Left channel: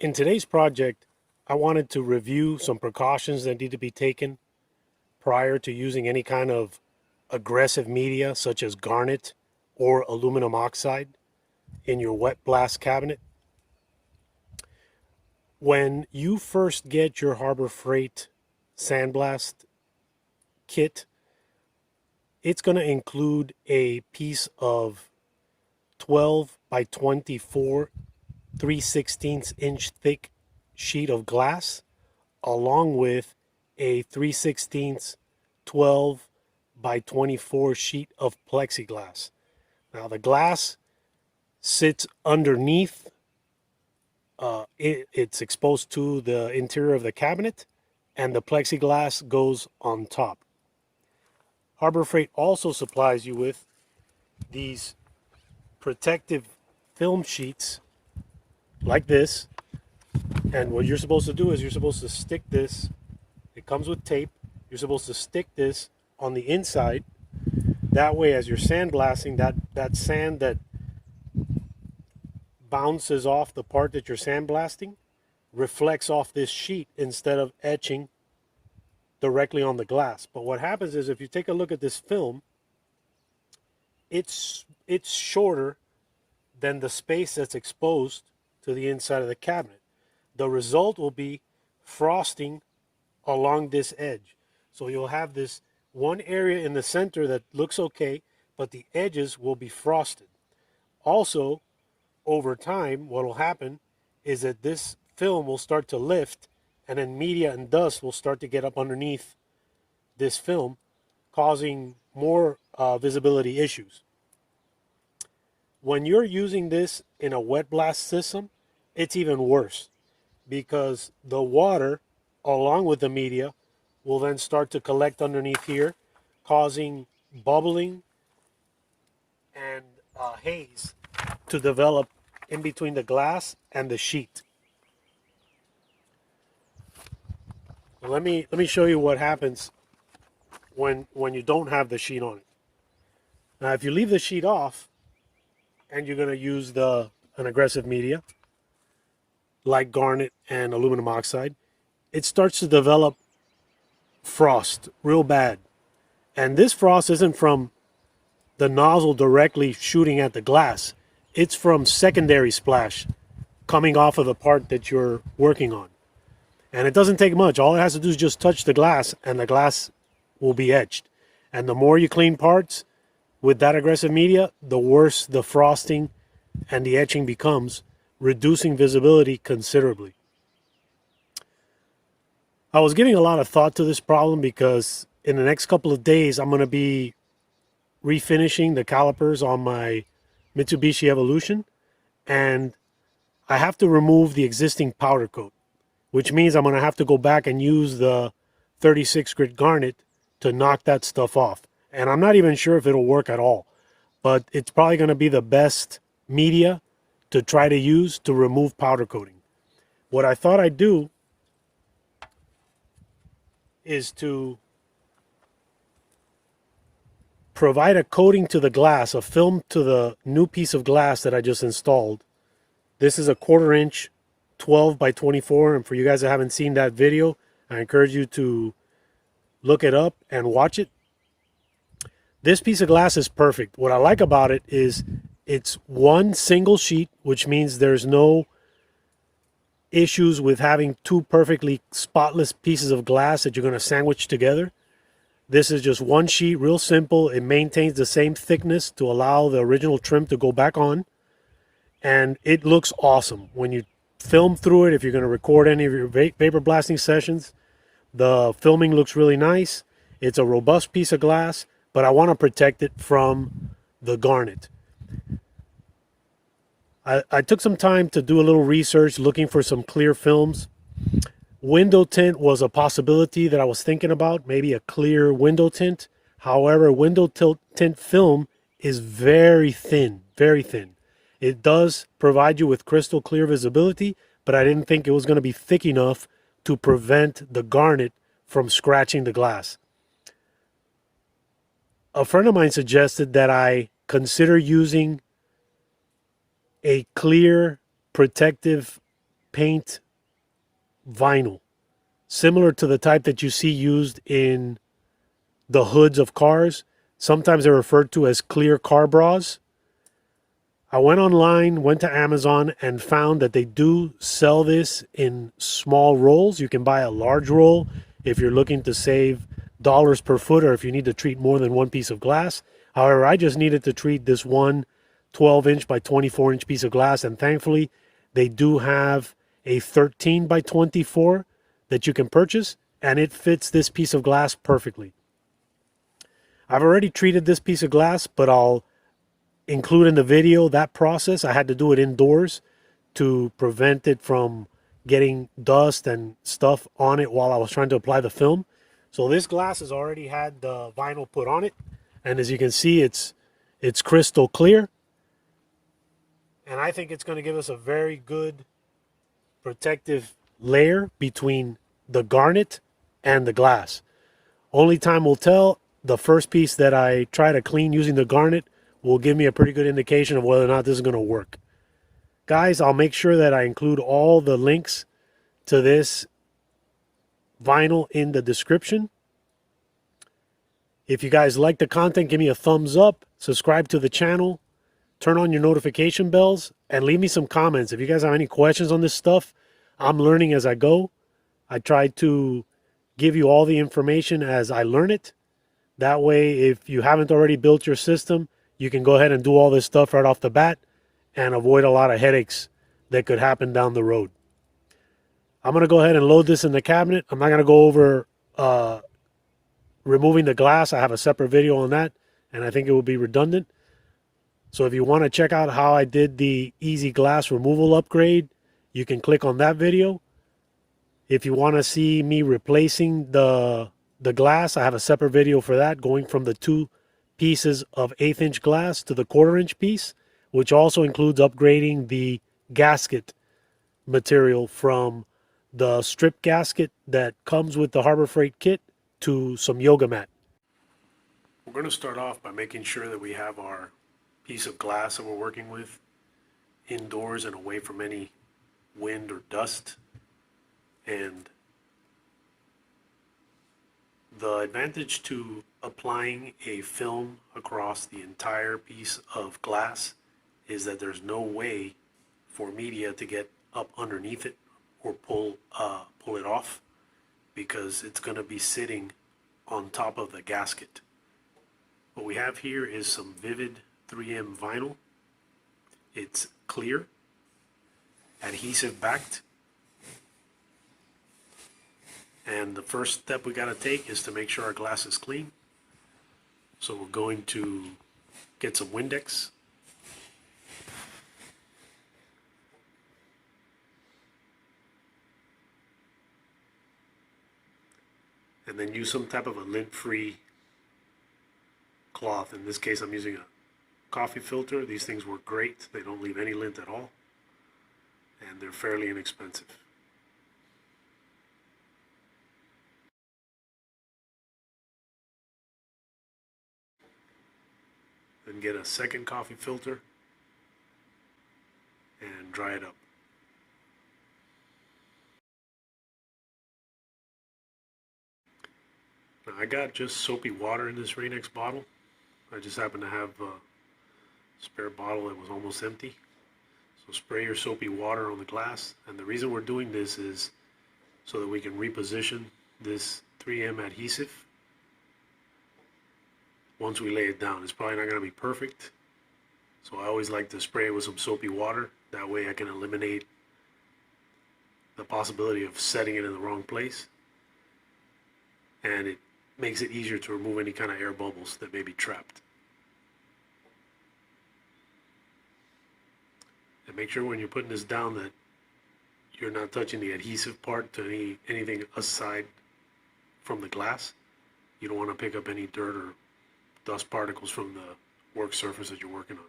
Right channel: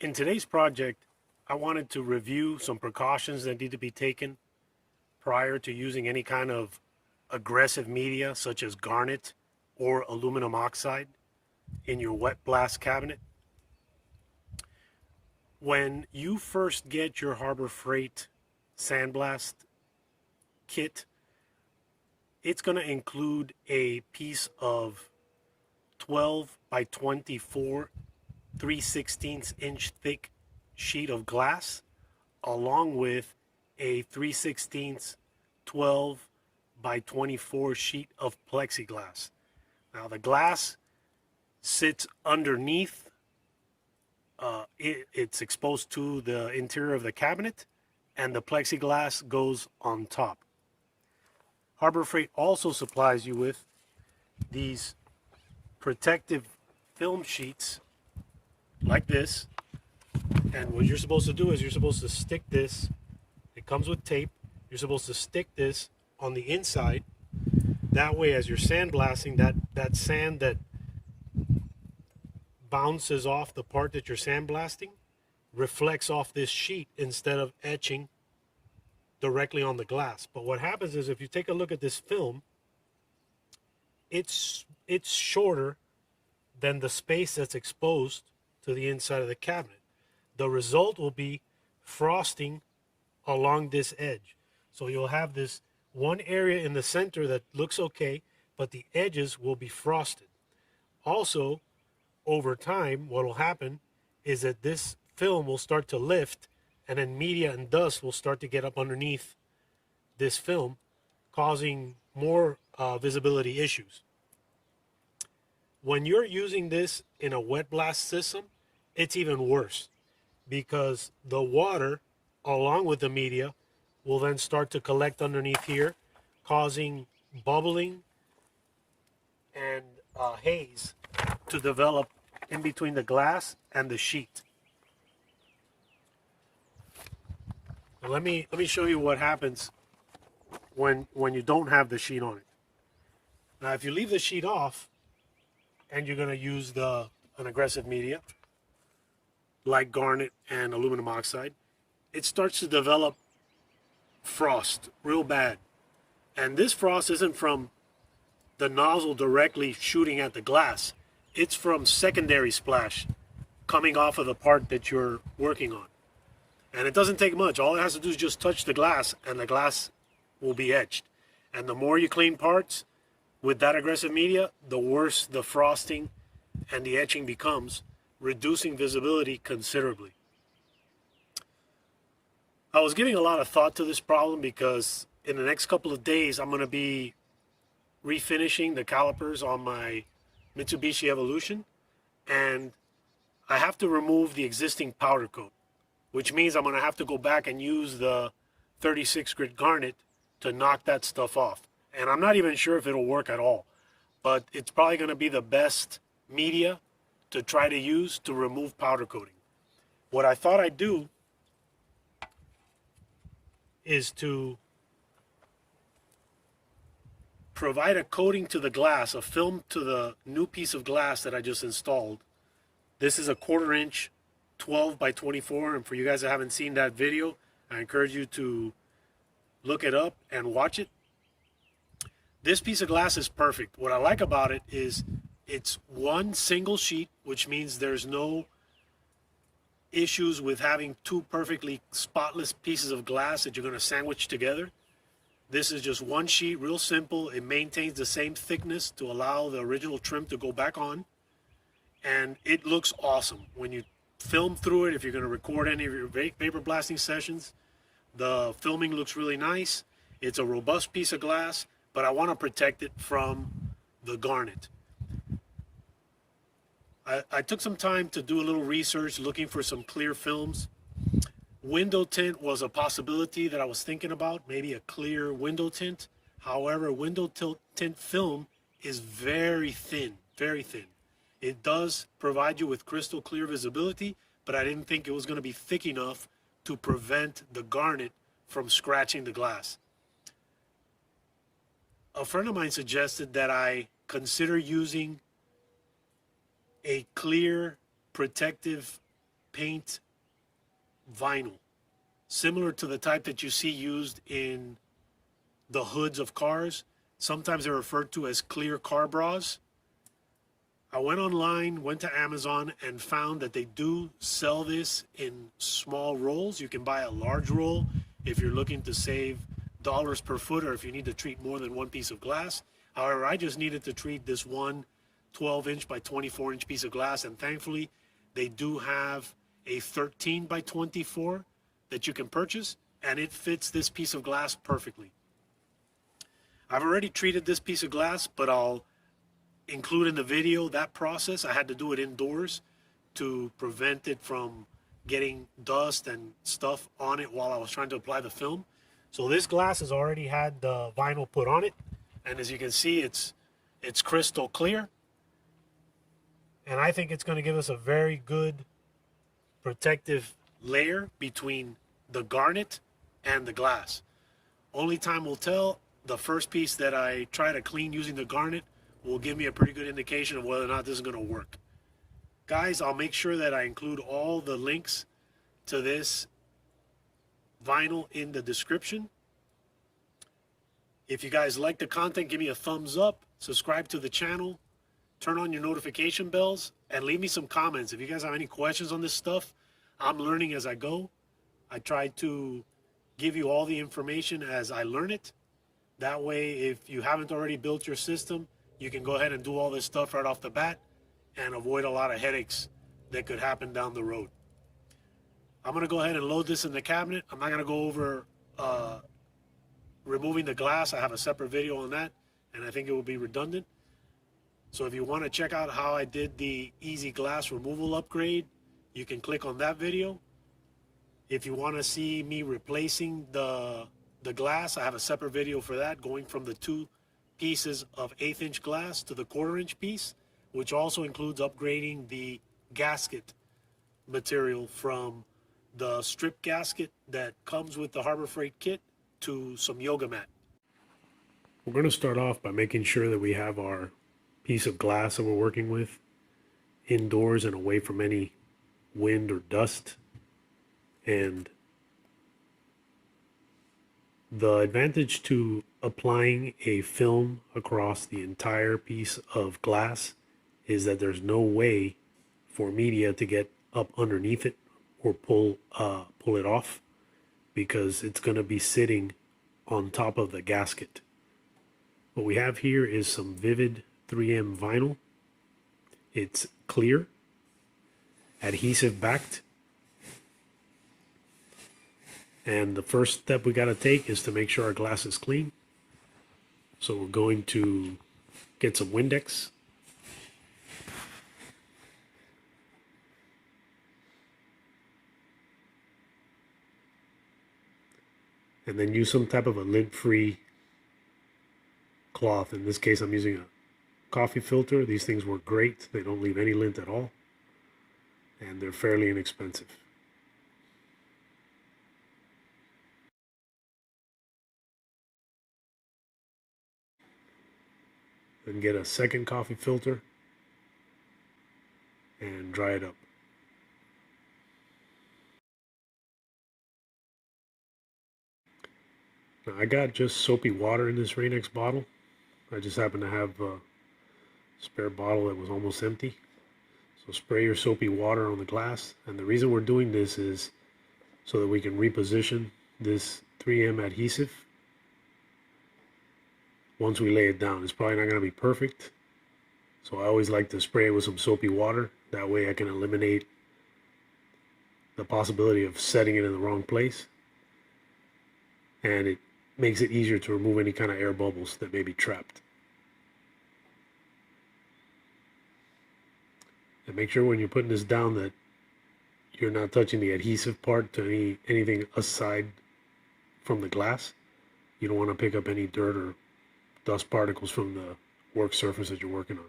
In today's project, I wanted to review some precautions that need to be taken prior to using any kind of aggressive media such as garnet or aluminum oxide in your wet blast cabinet. When you first get your Harbor Freight Sandblast kit, it's going to include a piece of 12 by 24 3/16 inch thick sheet of glass along with a 3/16 12 by 24 sheet of plexiglass. Now the glass sits underneath, it's exposed to the interior of the cabinet, and the plexiglass goes on top. Harbor Freight also supplies you with these protective film sheets like this, and what you're supposed to do is you're supposed to stick this, it comes with tape, you're supposed to stick this on the inside. That way, as you're sandblasting, that sand that bounces off the part that you're sandblasting reflects off this sheet instead of etching directly on the glass. But what happens is, if you take a look at this film, it's shorter than the space that's exposed to the inside of the cabinet. The result will be frosting along this edge. So you'll have this one area in the center that looks okay, but the edges will be frosted. Also, over time, what will happen is that this film will start to lift, and then media and dust will start to get up underneath this film, causing more visibility issues. When you're using this in a wet blast system, it's even worse, because the water along with the media will then start to collect underneath here, causing bubbling and haze to develop in between the glass and the sheet. Let me show you what happens when you don't have the sheet on it. Now, if you leave the sheet off and you're going to use an aggressive media like garnet and aluminum oxide, it starts to develop frost real bad. And this frost isn't from the nozzle directly shooting at the glass. It's from secondary splash coming off of the part that you're working on. And it doesn't take much. All it has to do is just touch the glass, and the glass will be etched. And the more you clean parts with that aggressive media, the worse the frosting and the etching becomes, reducing visibility considerably. I was giving a lot of thought to this problem because in the next couple of days, I'm going to be refinishing the calipers on my Mitsubishi Evolution, and I have to remove the existing powder coat, which means I'm going to have to go back and use the 36 grit garnet to knock that stuff off. And I'm not even sure if it'll work at all, but it's probably going to be the best media to try to use to remove powder coating. What I thought I'd do is to provide a coating to the glass, a film to the new piece of glass that I just installed. This is a 1/4 inch 12 by 24, and for you guys that haven't seen that video, I encourage you to look it up and watch it. This piece of glass is perfect. What I like about it is it's one single sheet, which means there's no issues with having two perfectly spotless pieces of glass that you're going to sandwich together. This is just one sheet, real simple. It maintains the same thickness to allow the original trim to go back on. And it looks awesome. When you film through it, if you're going to record any of your vapor blasting sessions, the filming looks really nice. It's a robust piece of glass, but I want to protect it from the garnet. I took some time to do a little research looking for some clear films. Window tint was a possibility that I was thinking about, maybe a clear window tint. However, window tint film is very thin, very thin. It does provide you with crystal clear visibility, but I didn't think it was going to be thick enough to prevent the garnet from scratching the glass. A friend of mine suggested that I consider using a clear protective paint vinyl, similar to the type that you see used in the hoods of cars. Sometimes they're referred to as clear car bras. I went online, went to Amazon, and found that they do sell this in small rolls. You can buy a large roll if you're looking to save dollars per foot, or if you need to treat more than one piece of glass. However, I just needed to treat this one 12-inch by 24-inch piece of glass, and thankfully they do have a 13 by 24 that you can purchase, and it fits this piece of glass perfectly. I've already treated this piece of glass, but I'll include in the video that process. I had to do it indoors to prevent it from getting dust and stuff on it while I was trying to apply the film. So this glass has already had the vinyl put on it, and as you can see, it's crystal clear, and I think it's going to give us a very good protective layer between the garnet and the glass. Only time will tell. The first piece that I try to clean using the garnet will give me a pretty good indication of whether or not this is going to work. Guys, I'll make sure that I include all the links to this vinyl in the description. If you guys like the content, give me a thumbs up, subscribe to the channel, turn on your notification bells, and leave me some comments. If you guys have any questions on this stuff, I'm learning as I go. I try to give you all the information as I learn it. That way, if you haven't already built your system, you can go ahead and do all this stuff right off the bat and avoid a lot of headaches that could happen down the road. I'm going to go ahead and load this in the cabinet. I'm not going to go over removing the glass. I have a separate video on that, and I think it will be redundant. So if you want to check out how I did the easy glass removal upgrade, you can click on that video. If you want to see me replacing the glass, I have a separate video for that, going from the 2 pieces of 1/8 inch glass to the 1/4 inch piece, which also includes upgrading the gasket material from the strip gasket that comes with the Harbor Freight kit to some yoga mat. We're going to start off by making sure that we have our piece of glass that we're working with indoors and away from any wind or dust. And the advantage to applying a film across the entire piece of glass is that there's no way for media to get up underneath it or pull it off, because it's going to be sitting on top of the gasket. What we have here is some Vivid 3M vinyl. It's clear, adhesive backed. And the first step we got to take is to make sure our glass is clean. So we're going to get some Windex. And then use some type of a lint-free cloth. In this case, I'm using a coffee filter. These things work great. They don't leave any lint at all. And they're fairly inexpensive. Then get a second coffee filter and dry it up. Now, I got just soapy water in this Rain-X bottle. I just happen to have a spare bottle that was almost empty. So spray your soapy water on the glass. And the reason we're doing this is so that we can reposition this 3M adhesive once we lay it down. It's probably not going to be perfect, so I always like to spray it with some soapy water. That way I can eliminate the possibility of setting it in the wrong place, and it makes it easier to remove any kind of air bubbles that may be trapped. And make sure when you're putting this down that you're not touching the adhesive part to anything aside from the glass. You don't want to pick up any dirt or dust particles from the work surface that you're working on.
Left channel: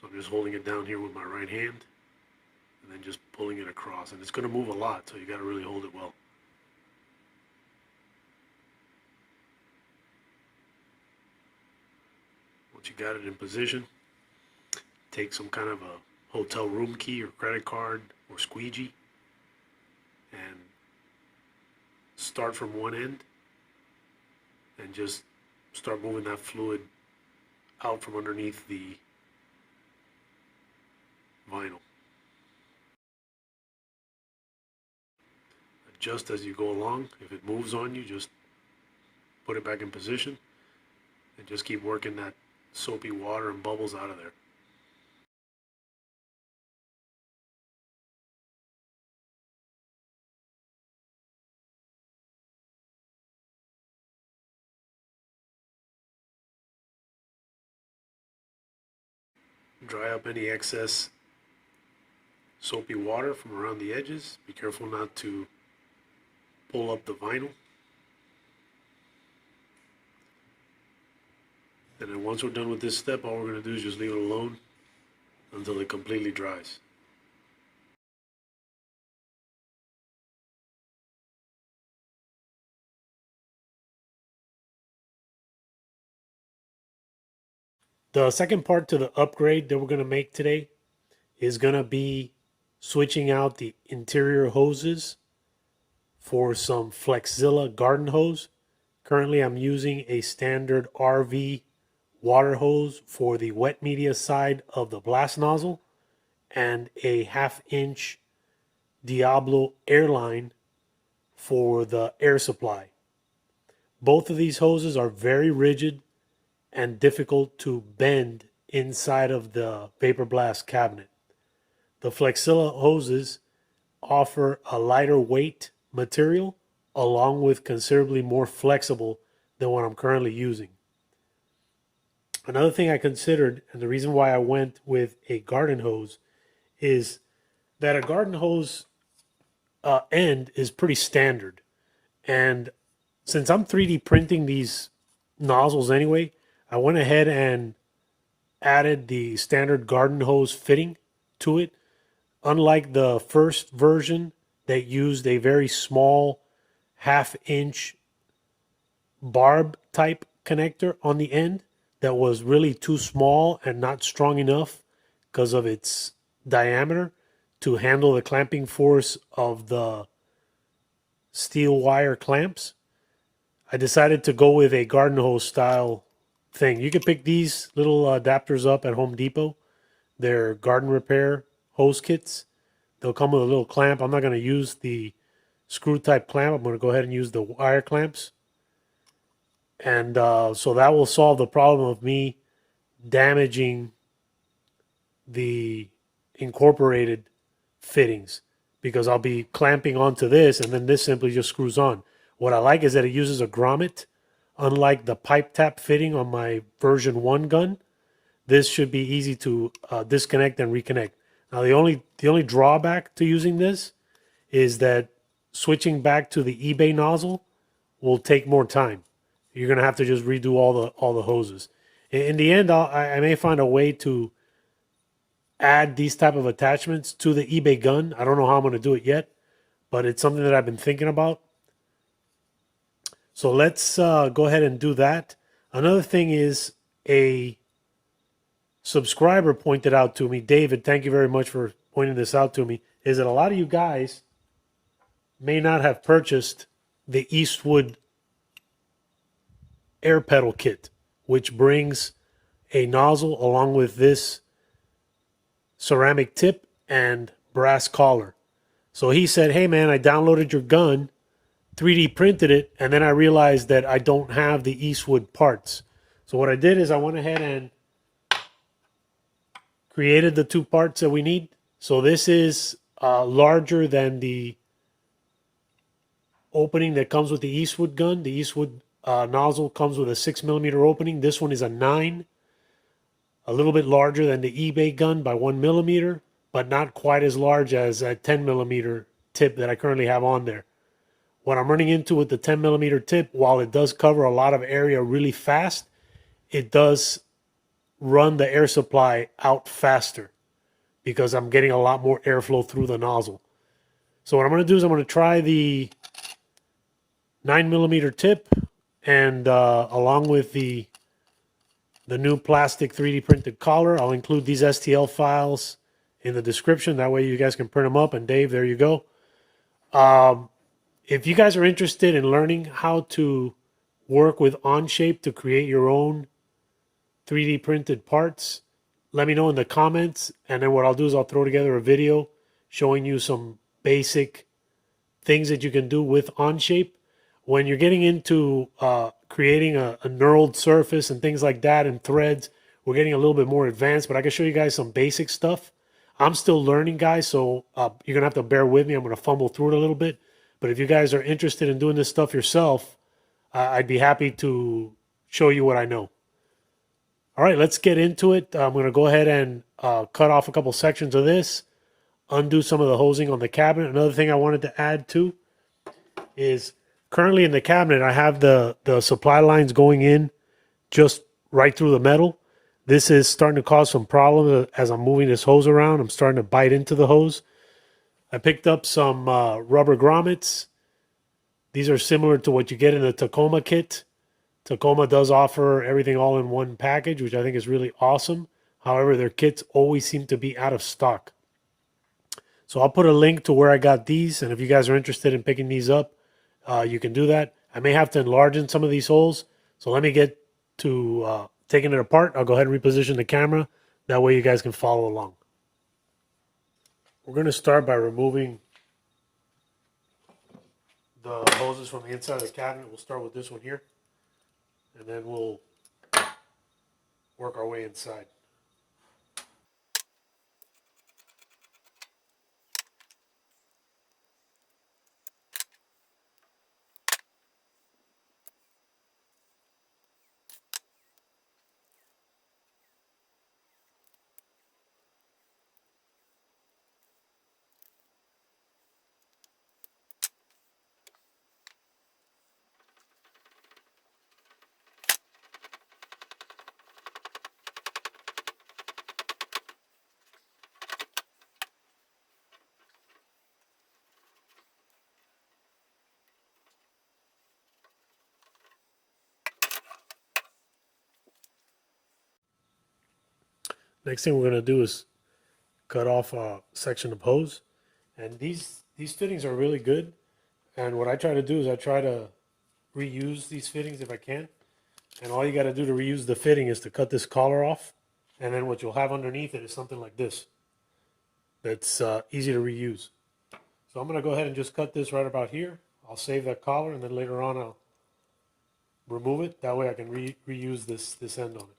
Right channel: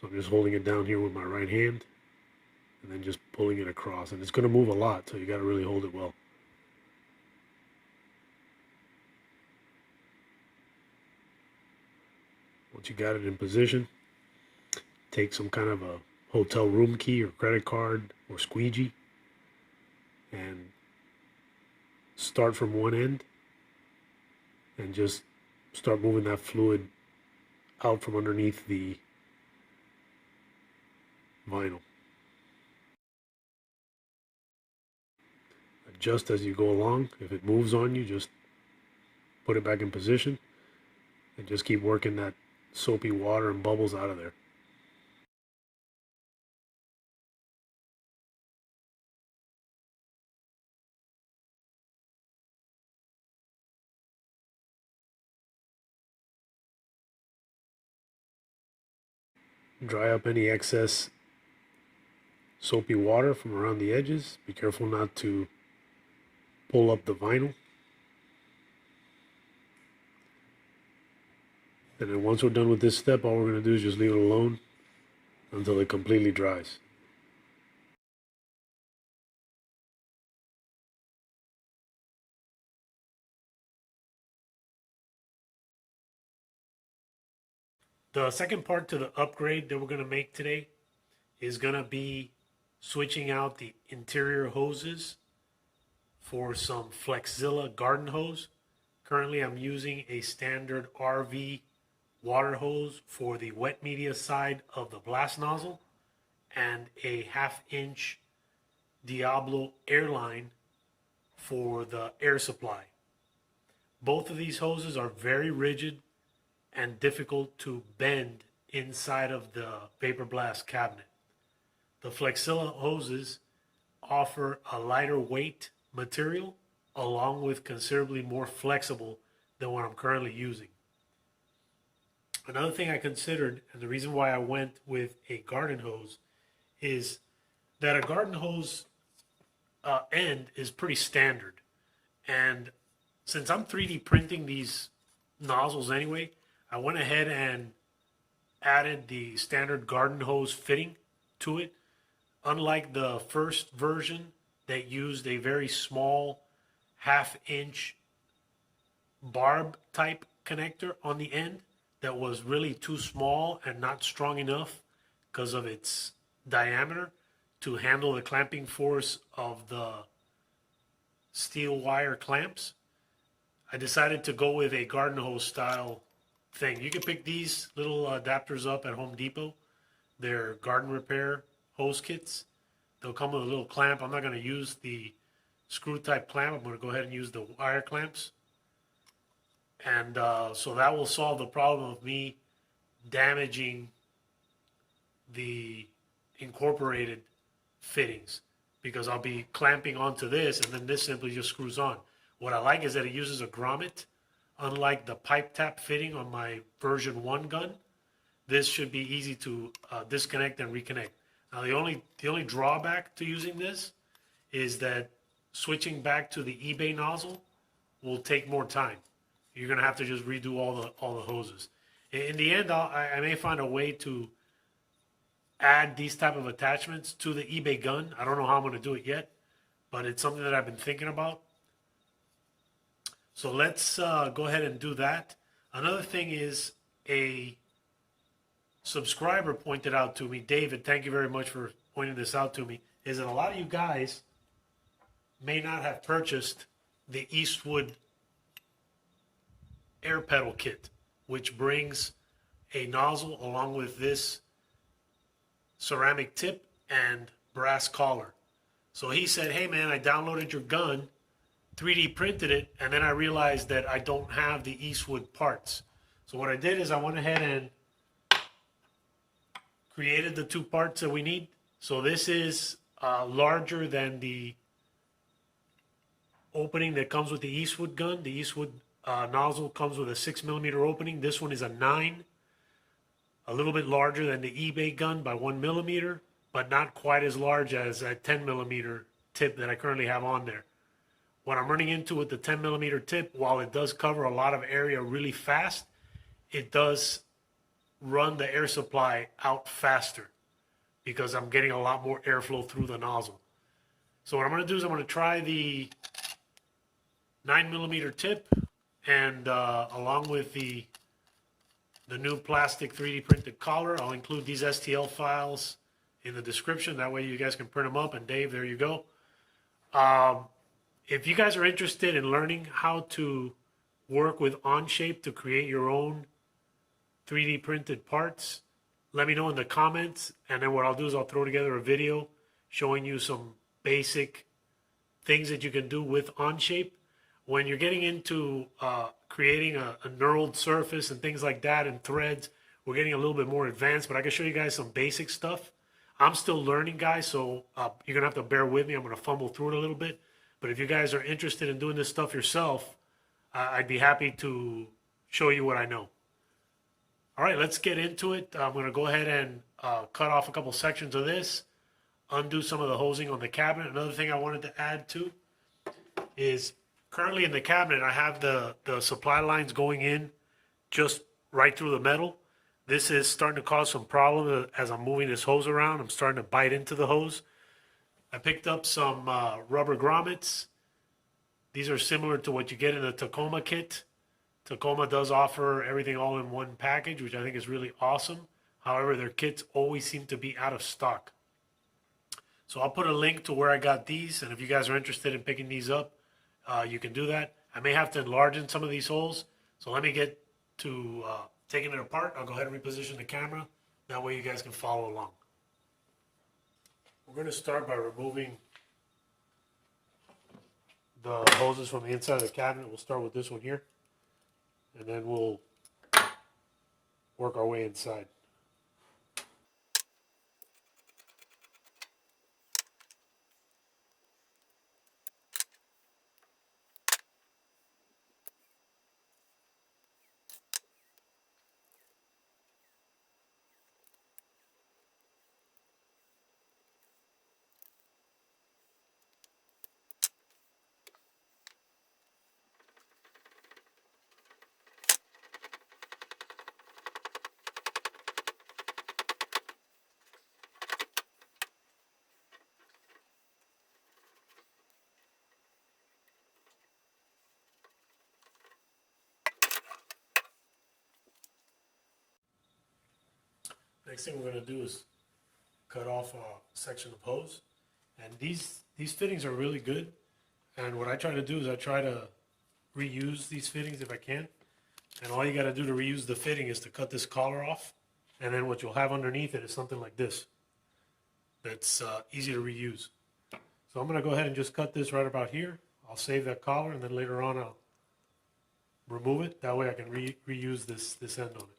So I'm just holding it down here with my right hand and then just pulling it across. And it's going to move a lot, so you got to really hold it well. Once you got it in position, take some kind of a hotel room key or credit card or squeegee and start from one end and just start moving that fluid out from underneath the vinyl. Adjust as you go along. If it moves on you, just put it back in position and just keep working that soapy water and bubbles out of there. Dry up any excess soapy water from around the edges. Be careful not to pull up the vinyl. And then once we're done with this step, all we're going to do is just leave it alone until it completely dries. The second part to the upgrade that we're going to make today is going to be switching out the interior hoses for some Flexzilla garden hose. Currently I'm using a standard RV water hose for the wet media side of the blast nozzle and a 1/2 inch Diablo airline for the air supply. Both of these hoses are very rigid and difficult to bend inside of the vapor blast cabinet. The Flexzilla hoses offer a lighter weight material along with considerably more flexible than what I'm currently using. Another thing I considered, and the reason why I went with a garden hose, is that a garden hose end is pretty standard. And since I'm 3D printing these nozzles anyway, I went ahead and added the standard garden hose fitting to it. Unlike the first version that used a very small 1/2 inch barb type connector on the end that was really too small and not strong enough because of its diameter to handle the clamping force of the steel wire clamps, I decided to go with a garden hose style thing. You can pick these little adapters up at Home Depot. They're garden repair hose kits. They'll come with a little clamp. I'm not going to use the screw type clamp. I'm going to go ahead and use the wire clamps. And so that will solve the problem of me damaging the incorporated fittings, because I'll be clamping onto this and then this simply just screws on. What I like is that it uses a grommet. Unlike the pipe tap fitting on my version 1 gun, this should be easy to disconnect and reconnect. Now the only drawback to using this is that switching back to the eBay nozzle will take more time. You're gonna have to just redo all the hoses. In the end, I may find a way to add these type of attachments to the eBay gun. I don't know how I'm gonna do it yet, but it's something that I've been thinking about. So let's go ahead and do that. Another thing is, a subscriber pointed out to me, David, thank you very much for pointing this out to me, is that a lot of you guys may not have purchased the Eastwood air pedal kit, which brings a nozzle along with this ceramic tip and brass collar. So he said, hey man, I downloaded your gun, 3D printed it, and then I realized that I don't have the Eastwood parts. So what I did is I went ahead and created the 2 parts that we need. So this is larger than the opening that comes with the Eastwood gun. The Eastwood nozzle comes with a 6mm opening. This one is a 9, a little bit larger than the eBay gun by 1mm, but not quite as large as a 10mm tip that I currently have on there. What I'm running into with the 10mm tip, while it does cover a lot of area really fast, it does run the air supply out faster because I'm getting a lot more airflow through the nozzle. So what I'm going to do is I'm going to try the 9mm tip, and along with the new plastic 3D printed collar, I'll include these STL files in the description. That way you guys can print them up. And Dave, there you go. If you guys are interested in learning how to work with Onshape to create your own 3D printed parts, let me know in the comments. And then what I'll do is I'll throw together a video showing you some basic things that you can do with Onshape. When you're getting into creating a knurled surface and things like that and threads, we're getting a little bit more advanced, but I can show you guys some basic stuff. I'm still learning, guys, so you're going to have to bear with me. I'm going to fumble through it a little bit. But if you guys are interested in doing this stuff yourself, I'd be happy to show you what I know. All right, let's get into it. I'm going to go ahead and cut off a couple sections of this, undo some of the hosing on the cabinet. Another thing I wanted to add too is currently in the cabinet, I have the supply lines going in just right through the metal. This is starting to cause some problems as I'm moving this hose around. I'm starting to bite into the hose. I picked up some rubber grommets. These are similar to what you get in the Tacoma kit. Tacoma does offer everything all in one package, which I think is really awesome. However, their kits always seem to be out of stock. So I'll put a link to where I got these, and if you guys are interested in picking these up, you can do that. I may have to enlarge in some of these holes, so let me get to taking it apart. I'll go ahead and reposition the camera. That way you guys can follow along. We're going to start by removing the hoses from the inside of the cabinet. We'll start with this one here, and then we'll work our way inside. Next thing we're going to do is cut off a section of hose. And these fittings are really good. And what I try to do is I try to reuse these fittings if I can. And all you got to do to reuse the fitting is to cut this collar off. And then what you'll have underneath it is something like this. That's easy to reuse. So I'm going to go ahead and just cut this right about here. I'll save that collar, and then later on I'll remove it. That way I can reuse this end on it.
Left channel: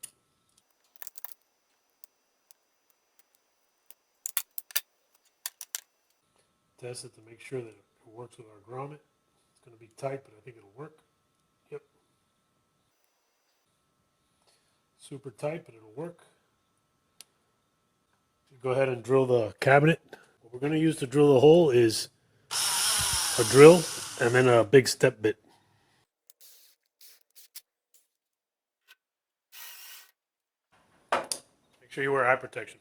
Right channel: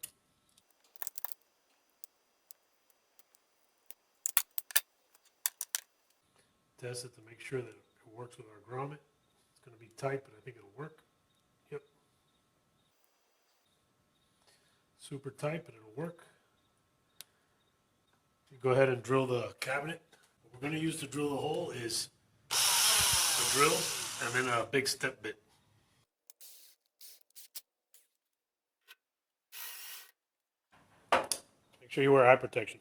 Test it to make sure that it works with our grommet. It's going to be tight, but I think it'll work. Yep. Super tight, but it'll work. Go ahead and drill the cabinet. What we're going to use to drill the hole is a drill and then a big step bit. Make sure you wear eye protection.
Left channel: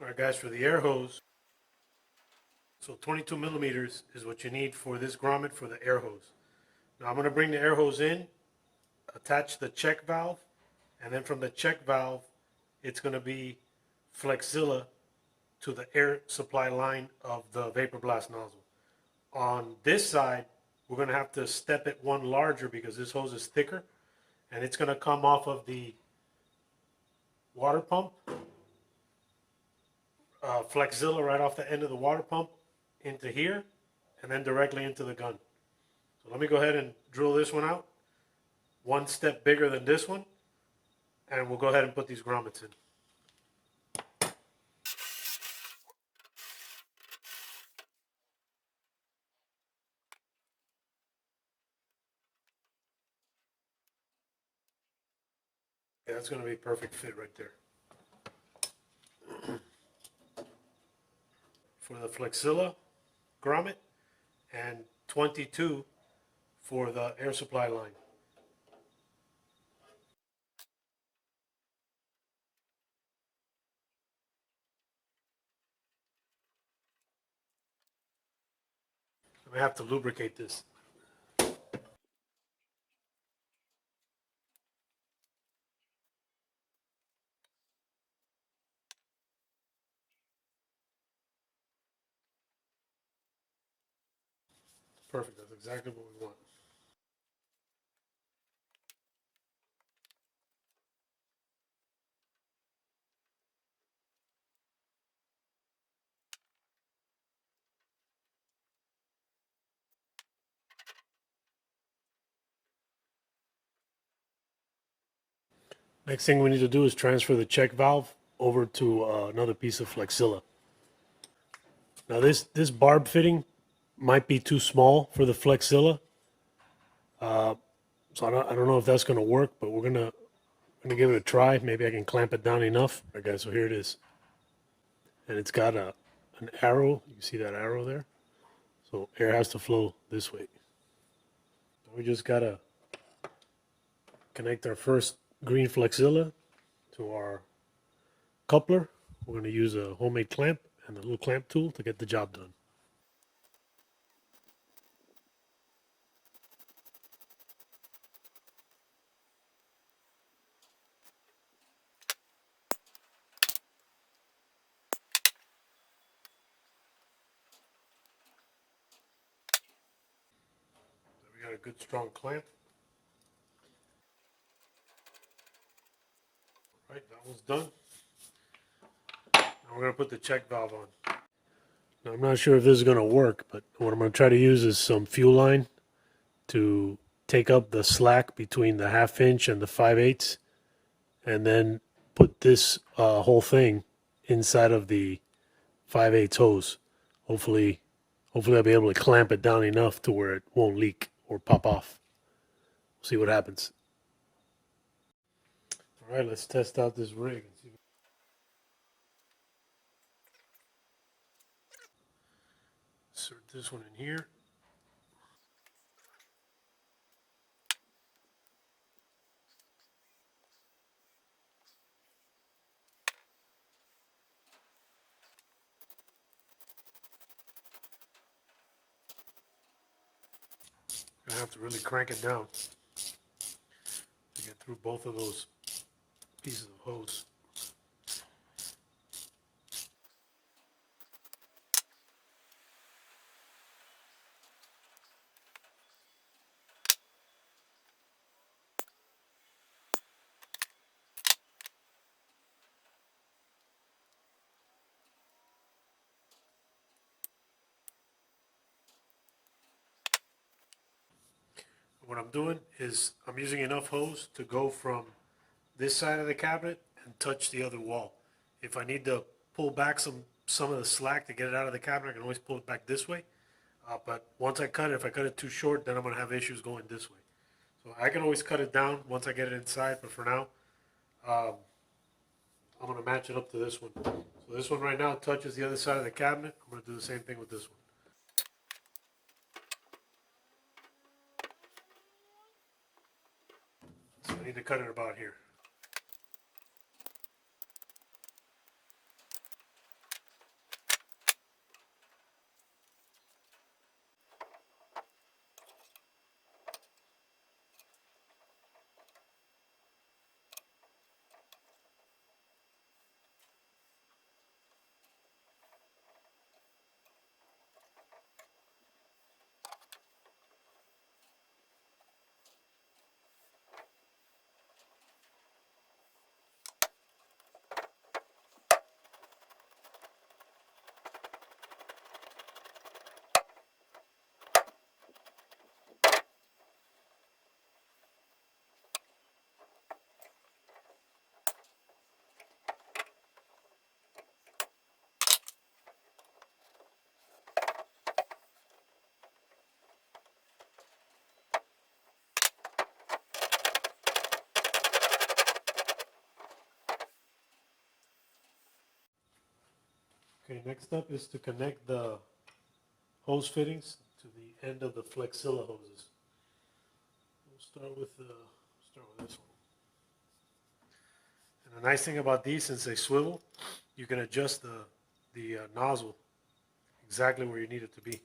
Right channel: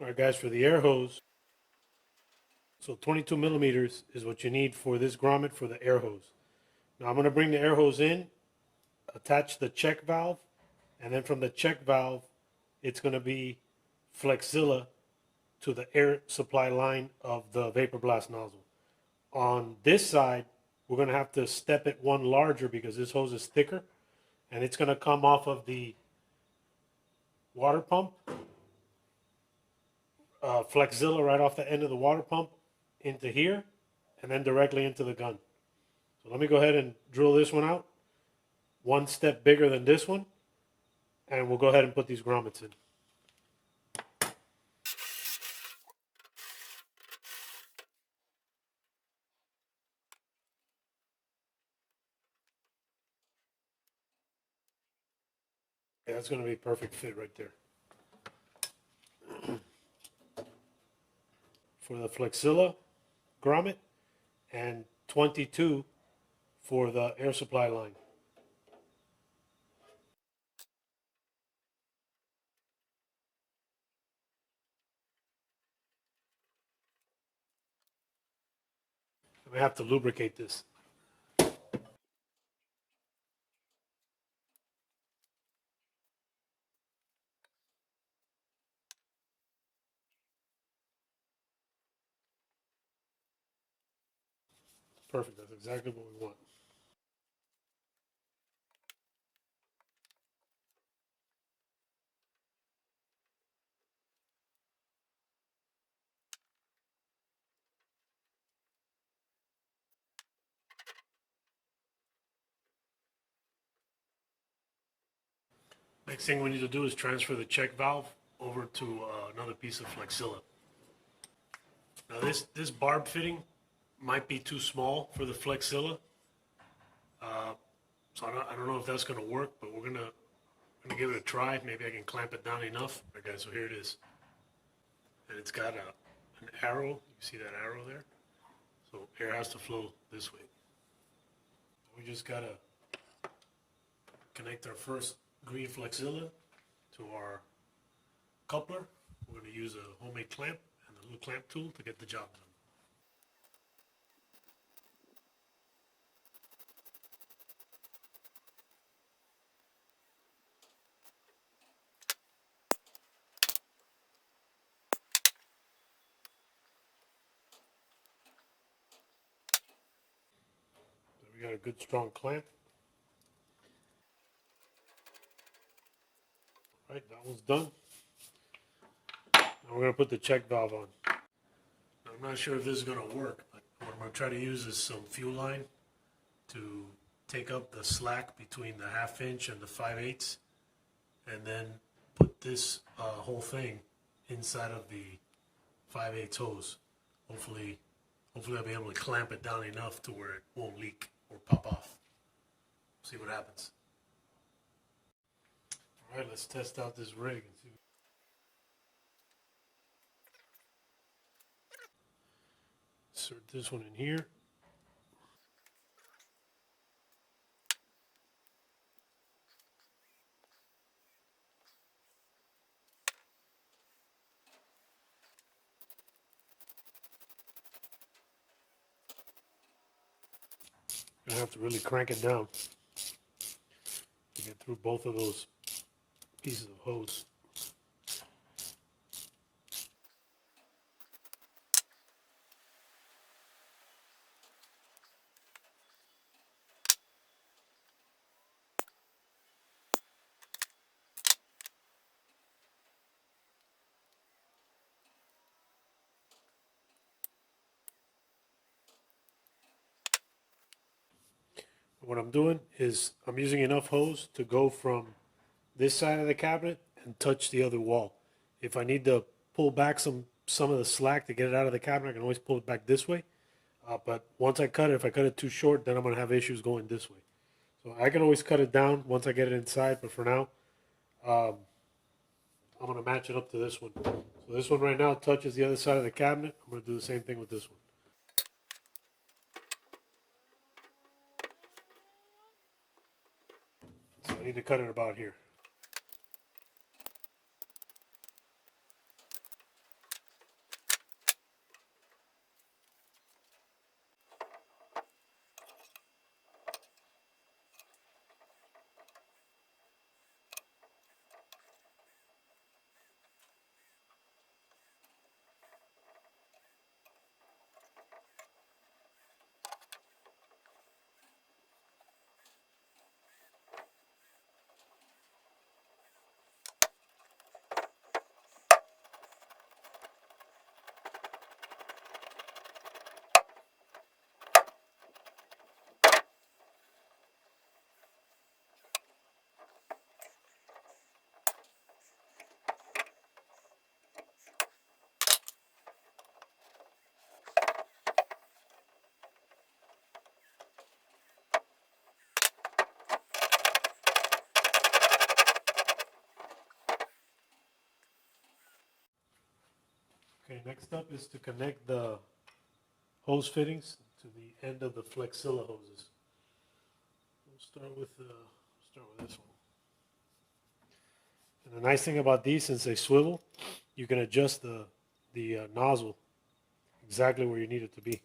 All right, guys, for the air hose, so 22 millimeters is what you need for this grommet for the air hose. Now I'm going to bring the air hose in, attach the check valve, and then from the check valve, it's going to be Flexzilla to the air supply line of the Vapor Blast nozzle. On this side, we're going to have to step it one larger because this hose is thicker, and it's going to come off of the water pump, Flexzilla right off the end of the water pump into here, and then directly into the gun. So let me go ahead and drill this one out, one step bigger than this one, and we'll go ahead and put these grommets in. Yeah, that's going to be a perfect fit right there. For the Flexzilla grommet and 22 for the air supply line. I'm going to have to lubricate this. Perfect. That's exactly what we want. Next thing we need to do is transfer the check valve over to another piece of Flexzilla. Now this barb fitting might be too small for the Flexzilla, so I don't know if that's going to work, but we're gonna give it a try. Maybe I can clamp it down enough. Okay, so here it is, and it's got an arrow. You see that arrow there? So air has to flow this way. We just gotta connect our first green Flexzilla to our coupler. We're gonna use a homemade clamp and a little clamp tool to get the job done. We got a good strong clamp. Right, that one's done. Now we're gonna put the check valve on. Now, I'm not sure if this is gonna work, but what I'm gonna try to use is some fuel line to take up the slack between the 1/2 inch and the 5/8, and then put this whole thing inside of the 5/8 hose. Hopefully I'll be able to clamp it down enough to where it won't leak or pop off. See what happens. All right, let's test out this rig. Insert this one in here. I have to really crank it down to get through both of those pieces of hose. What I'm doing is I'm using enough hose to go from this side of the cabinet and touch the other wall. If I need to pull back some of the slack to get it out of the cabinet, I can always pull it back this way. But once I cut it, if I cut it too short, then I'm going to have issues going this way. So I can always cut it down once I get it inside, but for now, I'm going to match it up to this one. So this one right now touches the other side of the cabinet. I'm going to do the same thing with this one. So I need to cut it about here. Okay, next up is to connect the hose fittings to the end of the Flexzilla hoses. We'll start with this one. And the nice thing about these, since they swivel, you can adjust the nozzle exactly where you need it to be.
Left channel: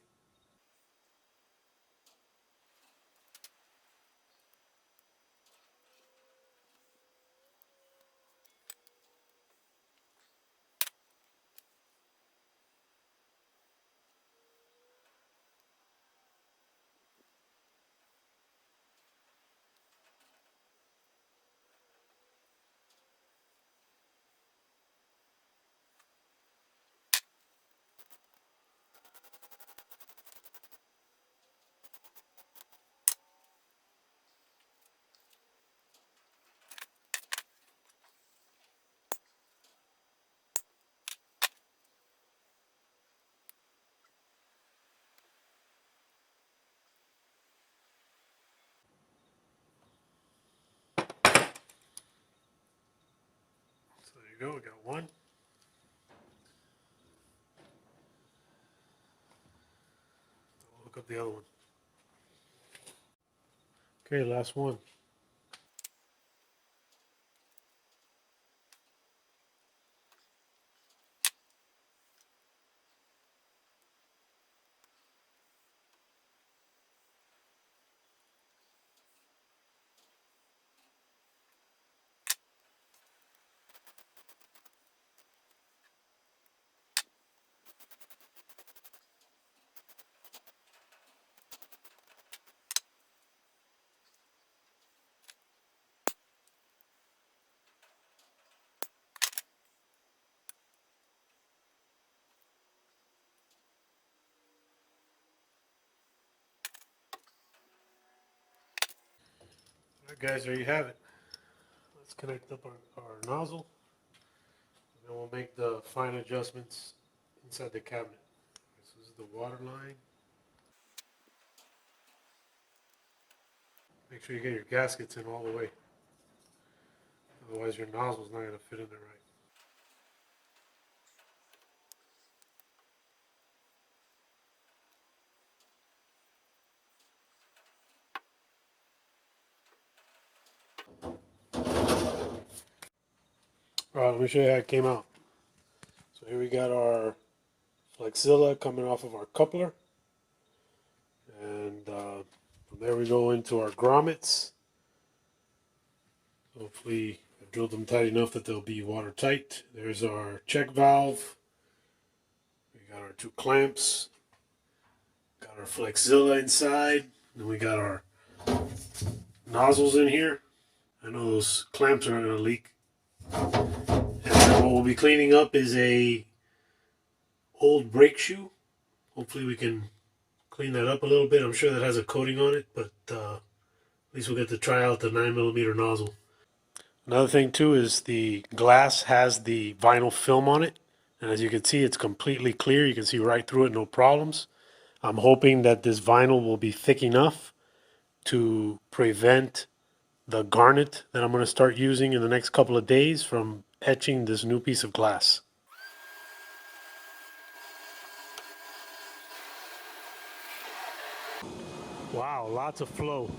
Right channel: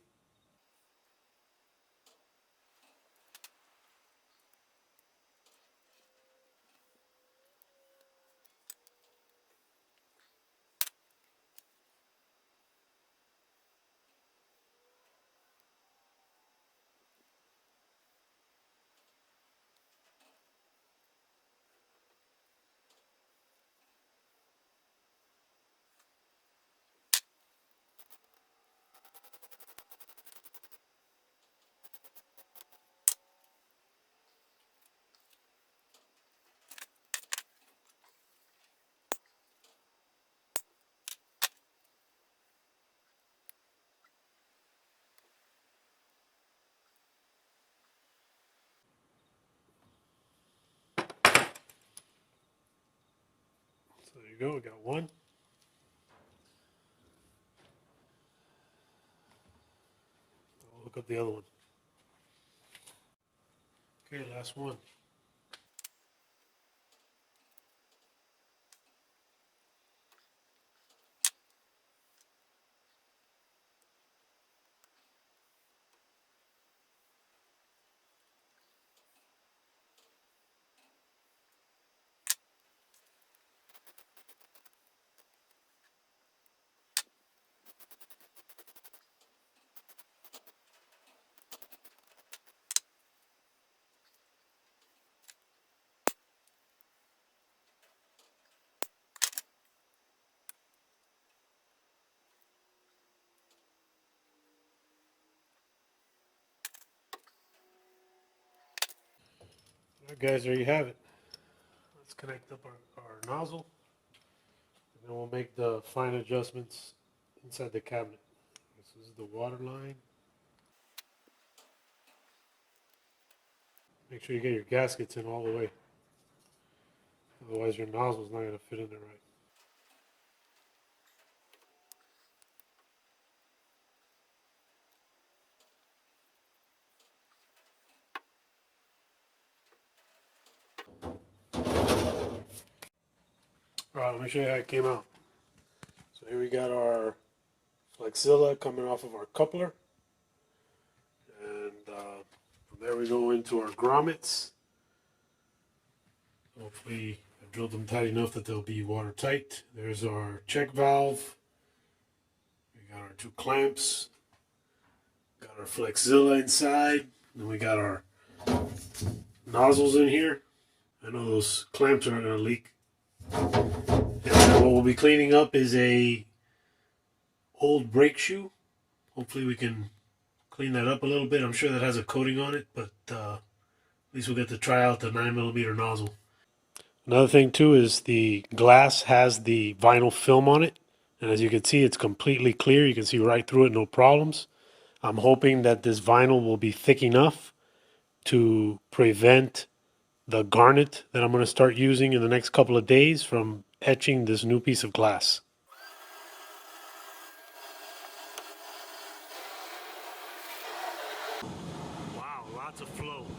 So there you go, we got one. I'll hook up the other one. Okay, last one. All right, guys, there you have it. Let's connect up our nozzle, and then we'll make the fine adjustments inside the cabinet. This is the water line. Make sure you get your gaskets in all the way. Otherwise your nozzle's not going to fit in there right. Alright, let me show you how it came out. So here we got our Flexzilla coming off of our coupler. And from there we go into our grommets. Hopefully I've drilled them tight enough that they'll be watertight. There's our check valve. We got our two clamps. Got our Flexzilla inside. Then we got our nozzles in here. I know those clamps are not going to leak. And then what we'll be cleaning up is a old brake shoe. Hopefully we can clean that up a little bit. I'm sure that has a coating on it, but at least we'll get to try out the 9mm nozzle. Another thing too is the glass has the vinyl film on it, and as you can see, it's completely clear. You can see right through it, no problems. I'm hoping that this vinyl will be thick enough to prevent the garnet that I'm going to start using in the next couple of days from etching this new piece of glass. Wow, lots of flow.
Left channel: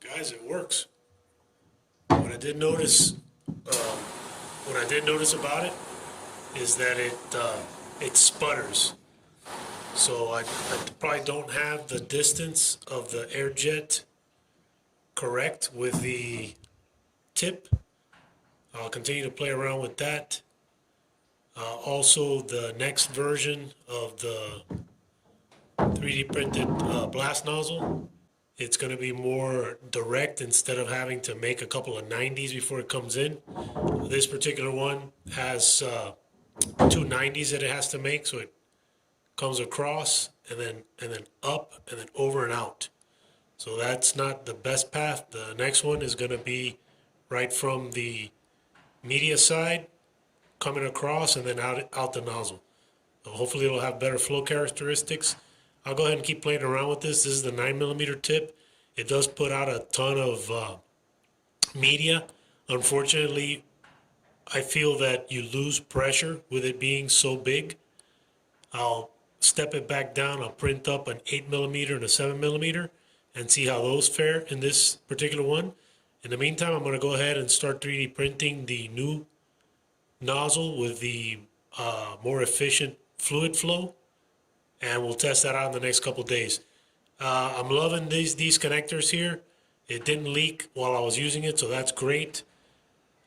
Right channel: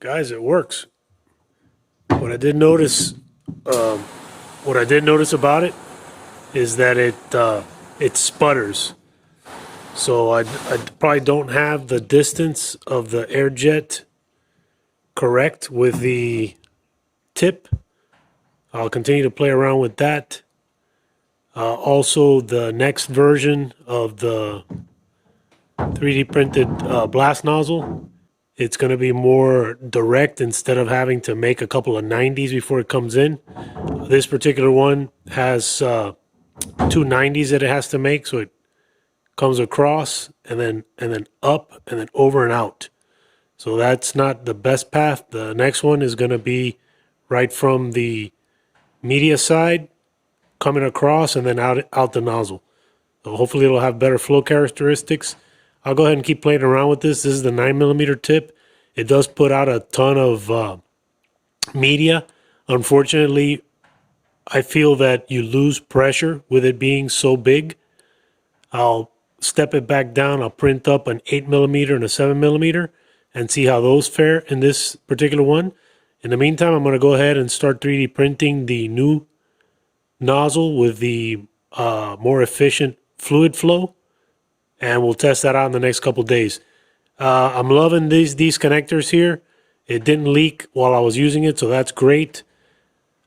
Guys, it works. What I did notice, about it is that it sputters. So I probably don't have the distance of the air jet correct with the tip. I'll continue to play around with that. Also, the next version of the 3D printed blast nozzle, it's going to be more direct instead of having to make a couple of 90s before it comes in. This particular one has two 90s that it has to make, so it comes across and then up and then over and out. So that's not the best path. The next one is going to be right from the media side, coming across and then out the nozzle. So hopefully it'll have better flow characteristics. I'll go ahead and keep playing around with this. This is the 9mm tip. It does put out a ton of media. Unfortunately, I feel that you lose pressure with it being so big. I'll step it back down. I'll print up an 8mm and a 7mm and see how those fare in this particular one. In the meantime, I'm going to go ahead and start 3D printing the new nozzle with the more efficient fluid flow, and we'll test that out in the next couple days. I'm loving these connectors here. It didn't leak while I was using it, so that's great.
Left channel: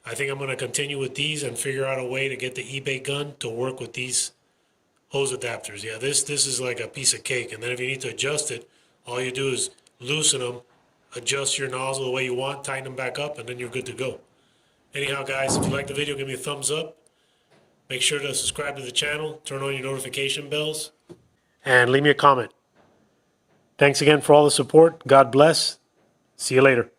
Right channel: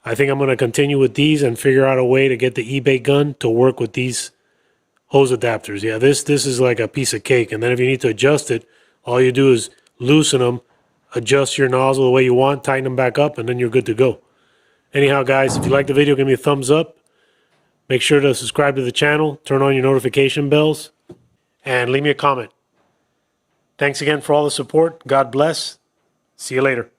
I think I'm going to continue with these and figure out a way to get the eBay gun to work with these hose adapters. Yeah, this is like a piece of cake. And then if you need to adjust it, all you do is loosen them, adjust your nozzle the way you want, tighten them back up, and then you're good to go. Anyhow, guys, if you like the video, give me a thumbs up. Make sure to subscribe to the channel, turn on your notification bells, and leave me a comment. Thanks again for all the support. God bless. See you later.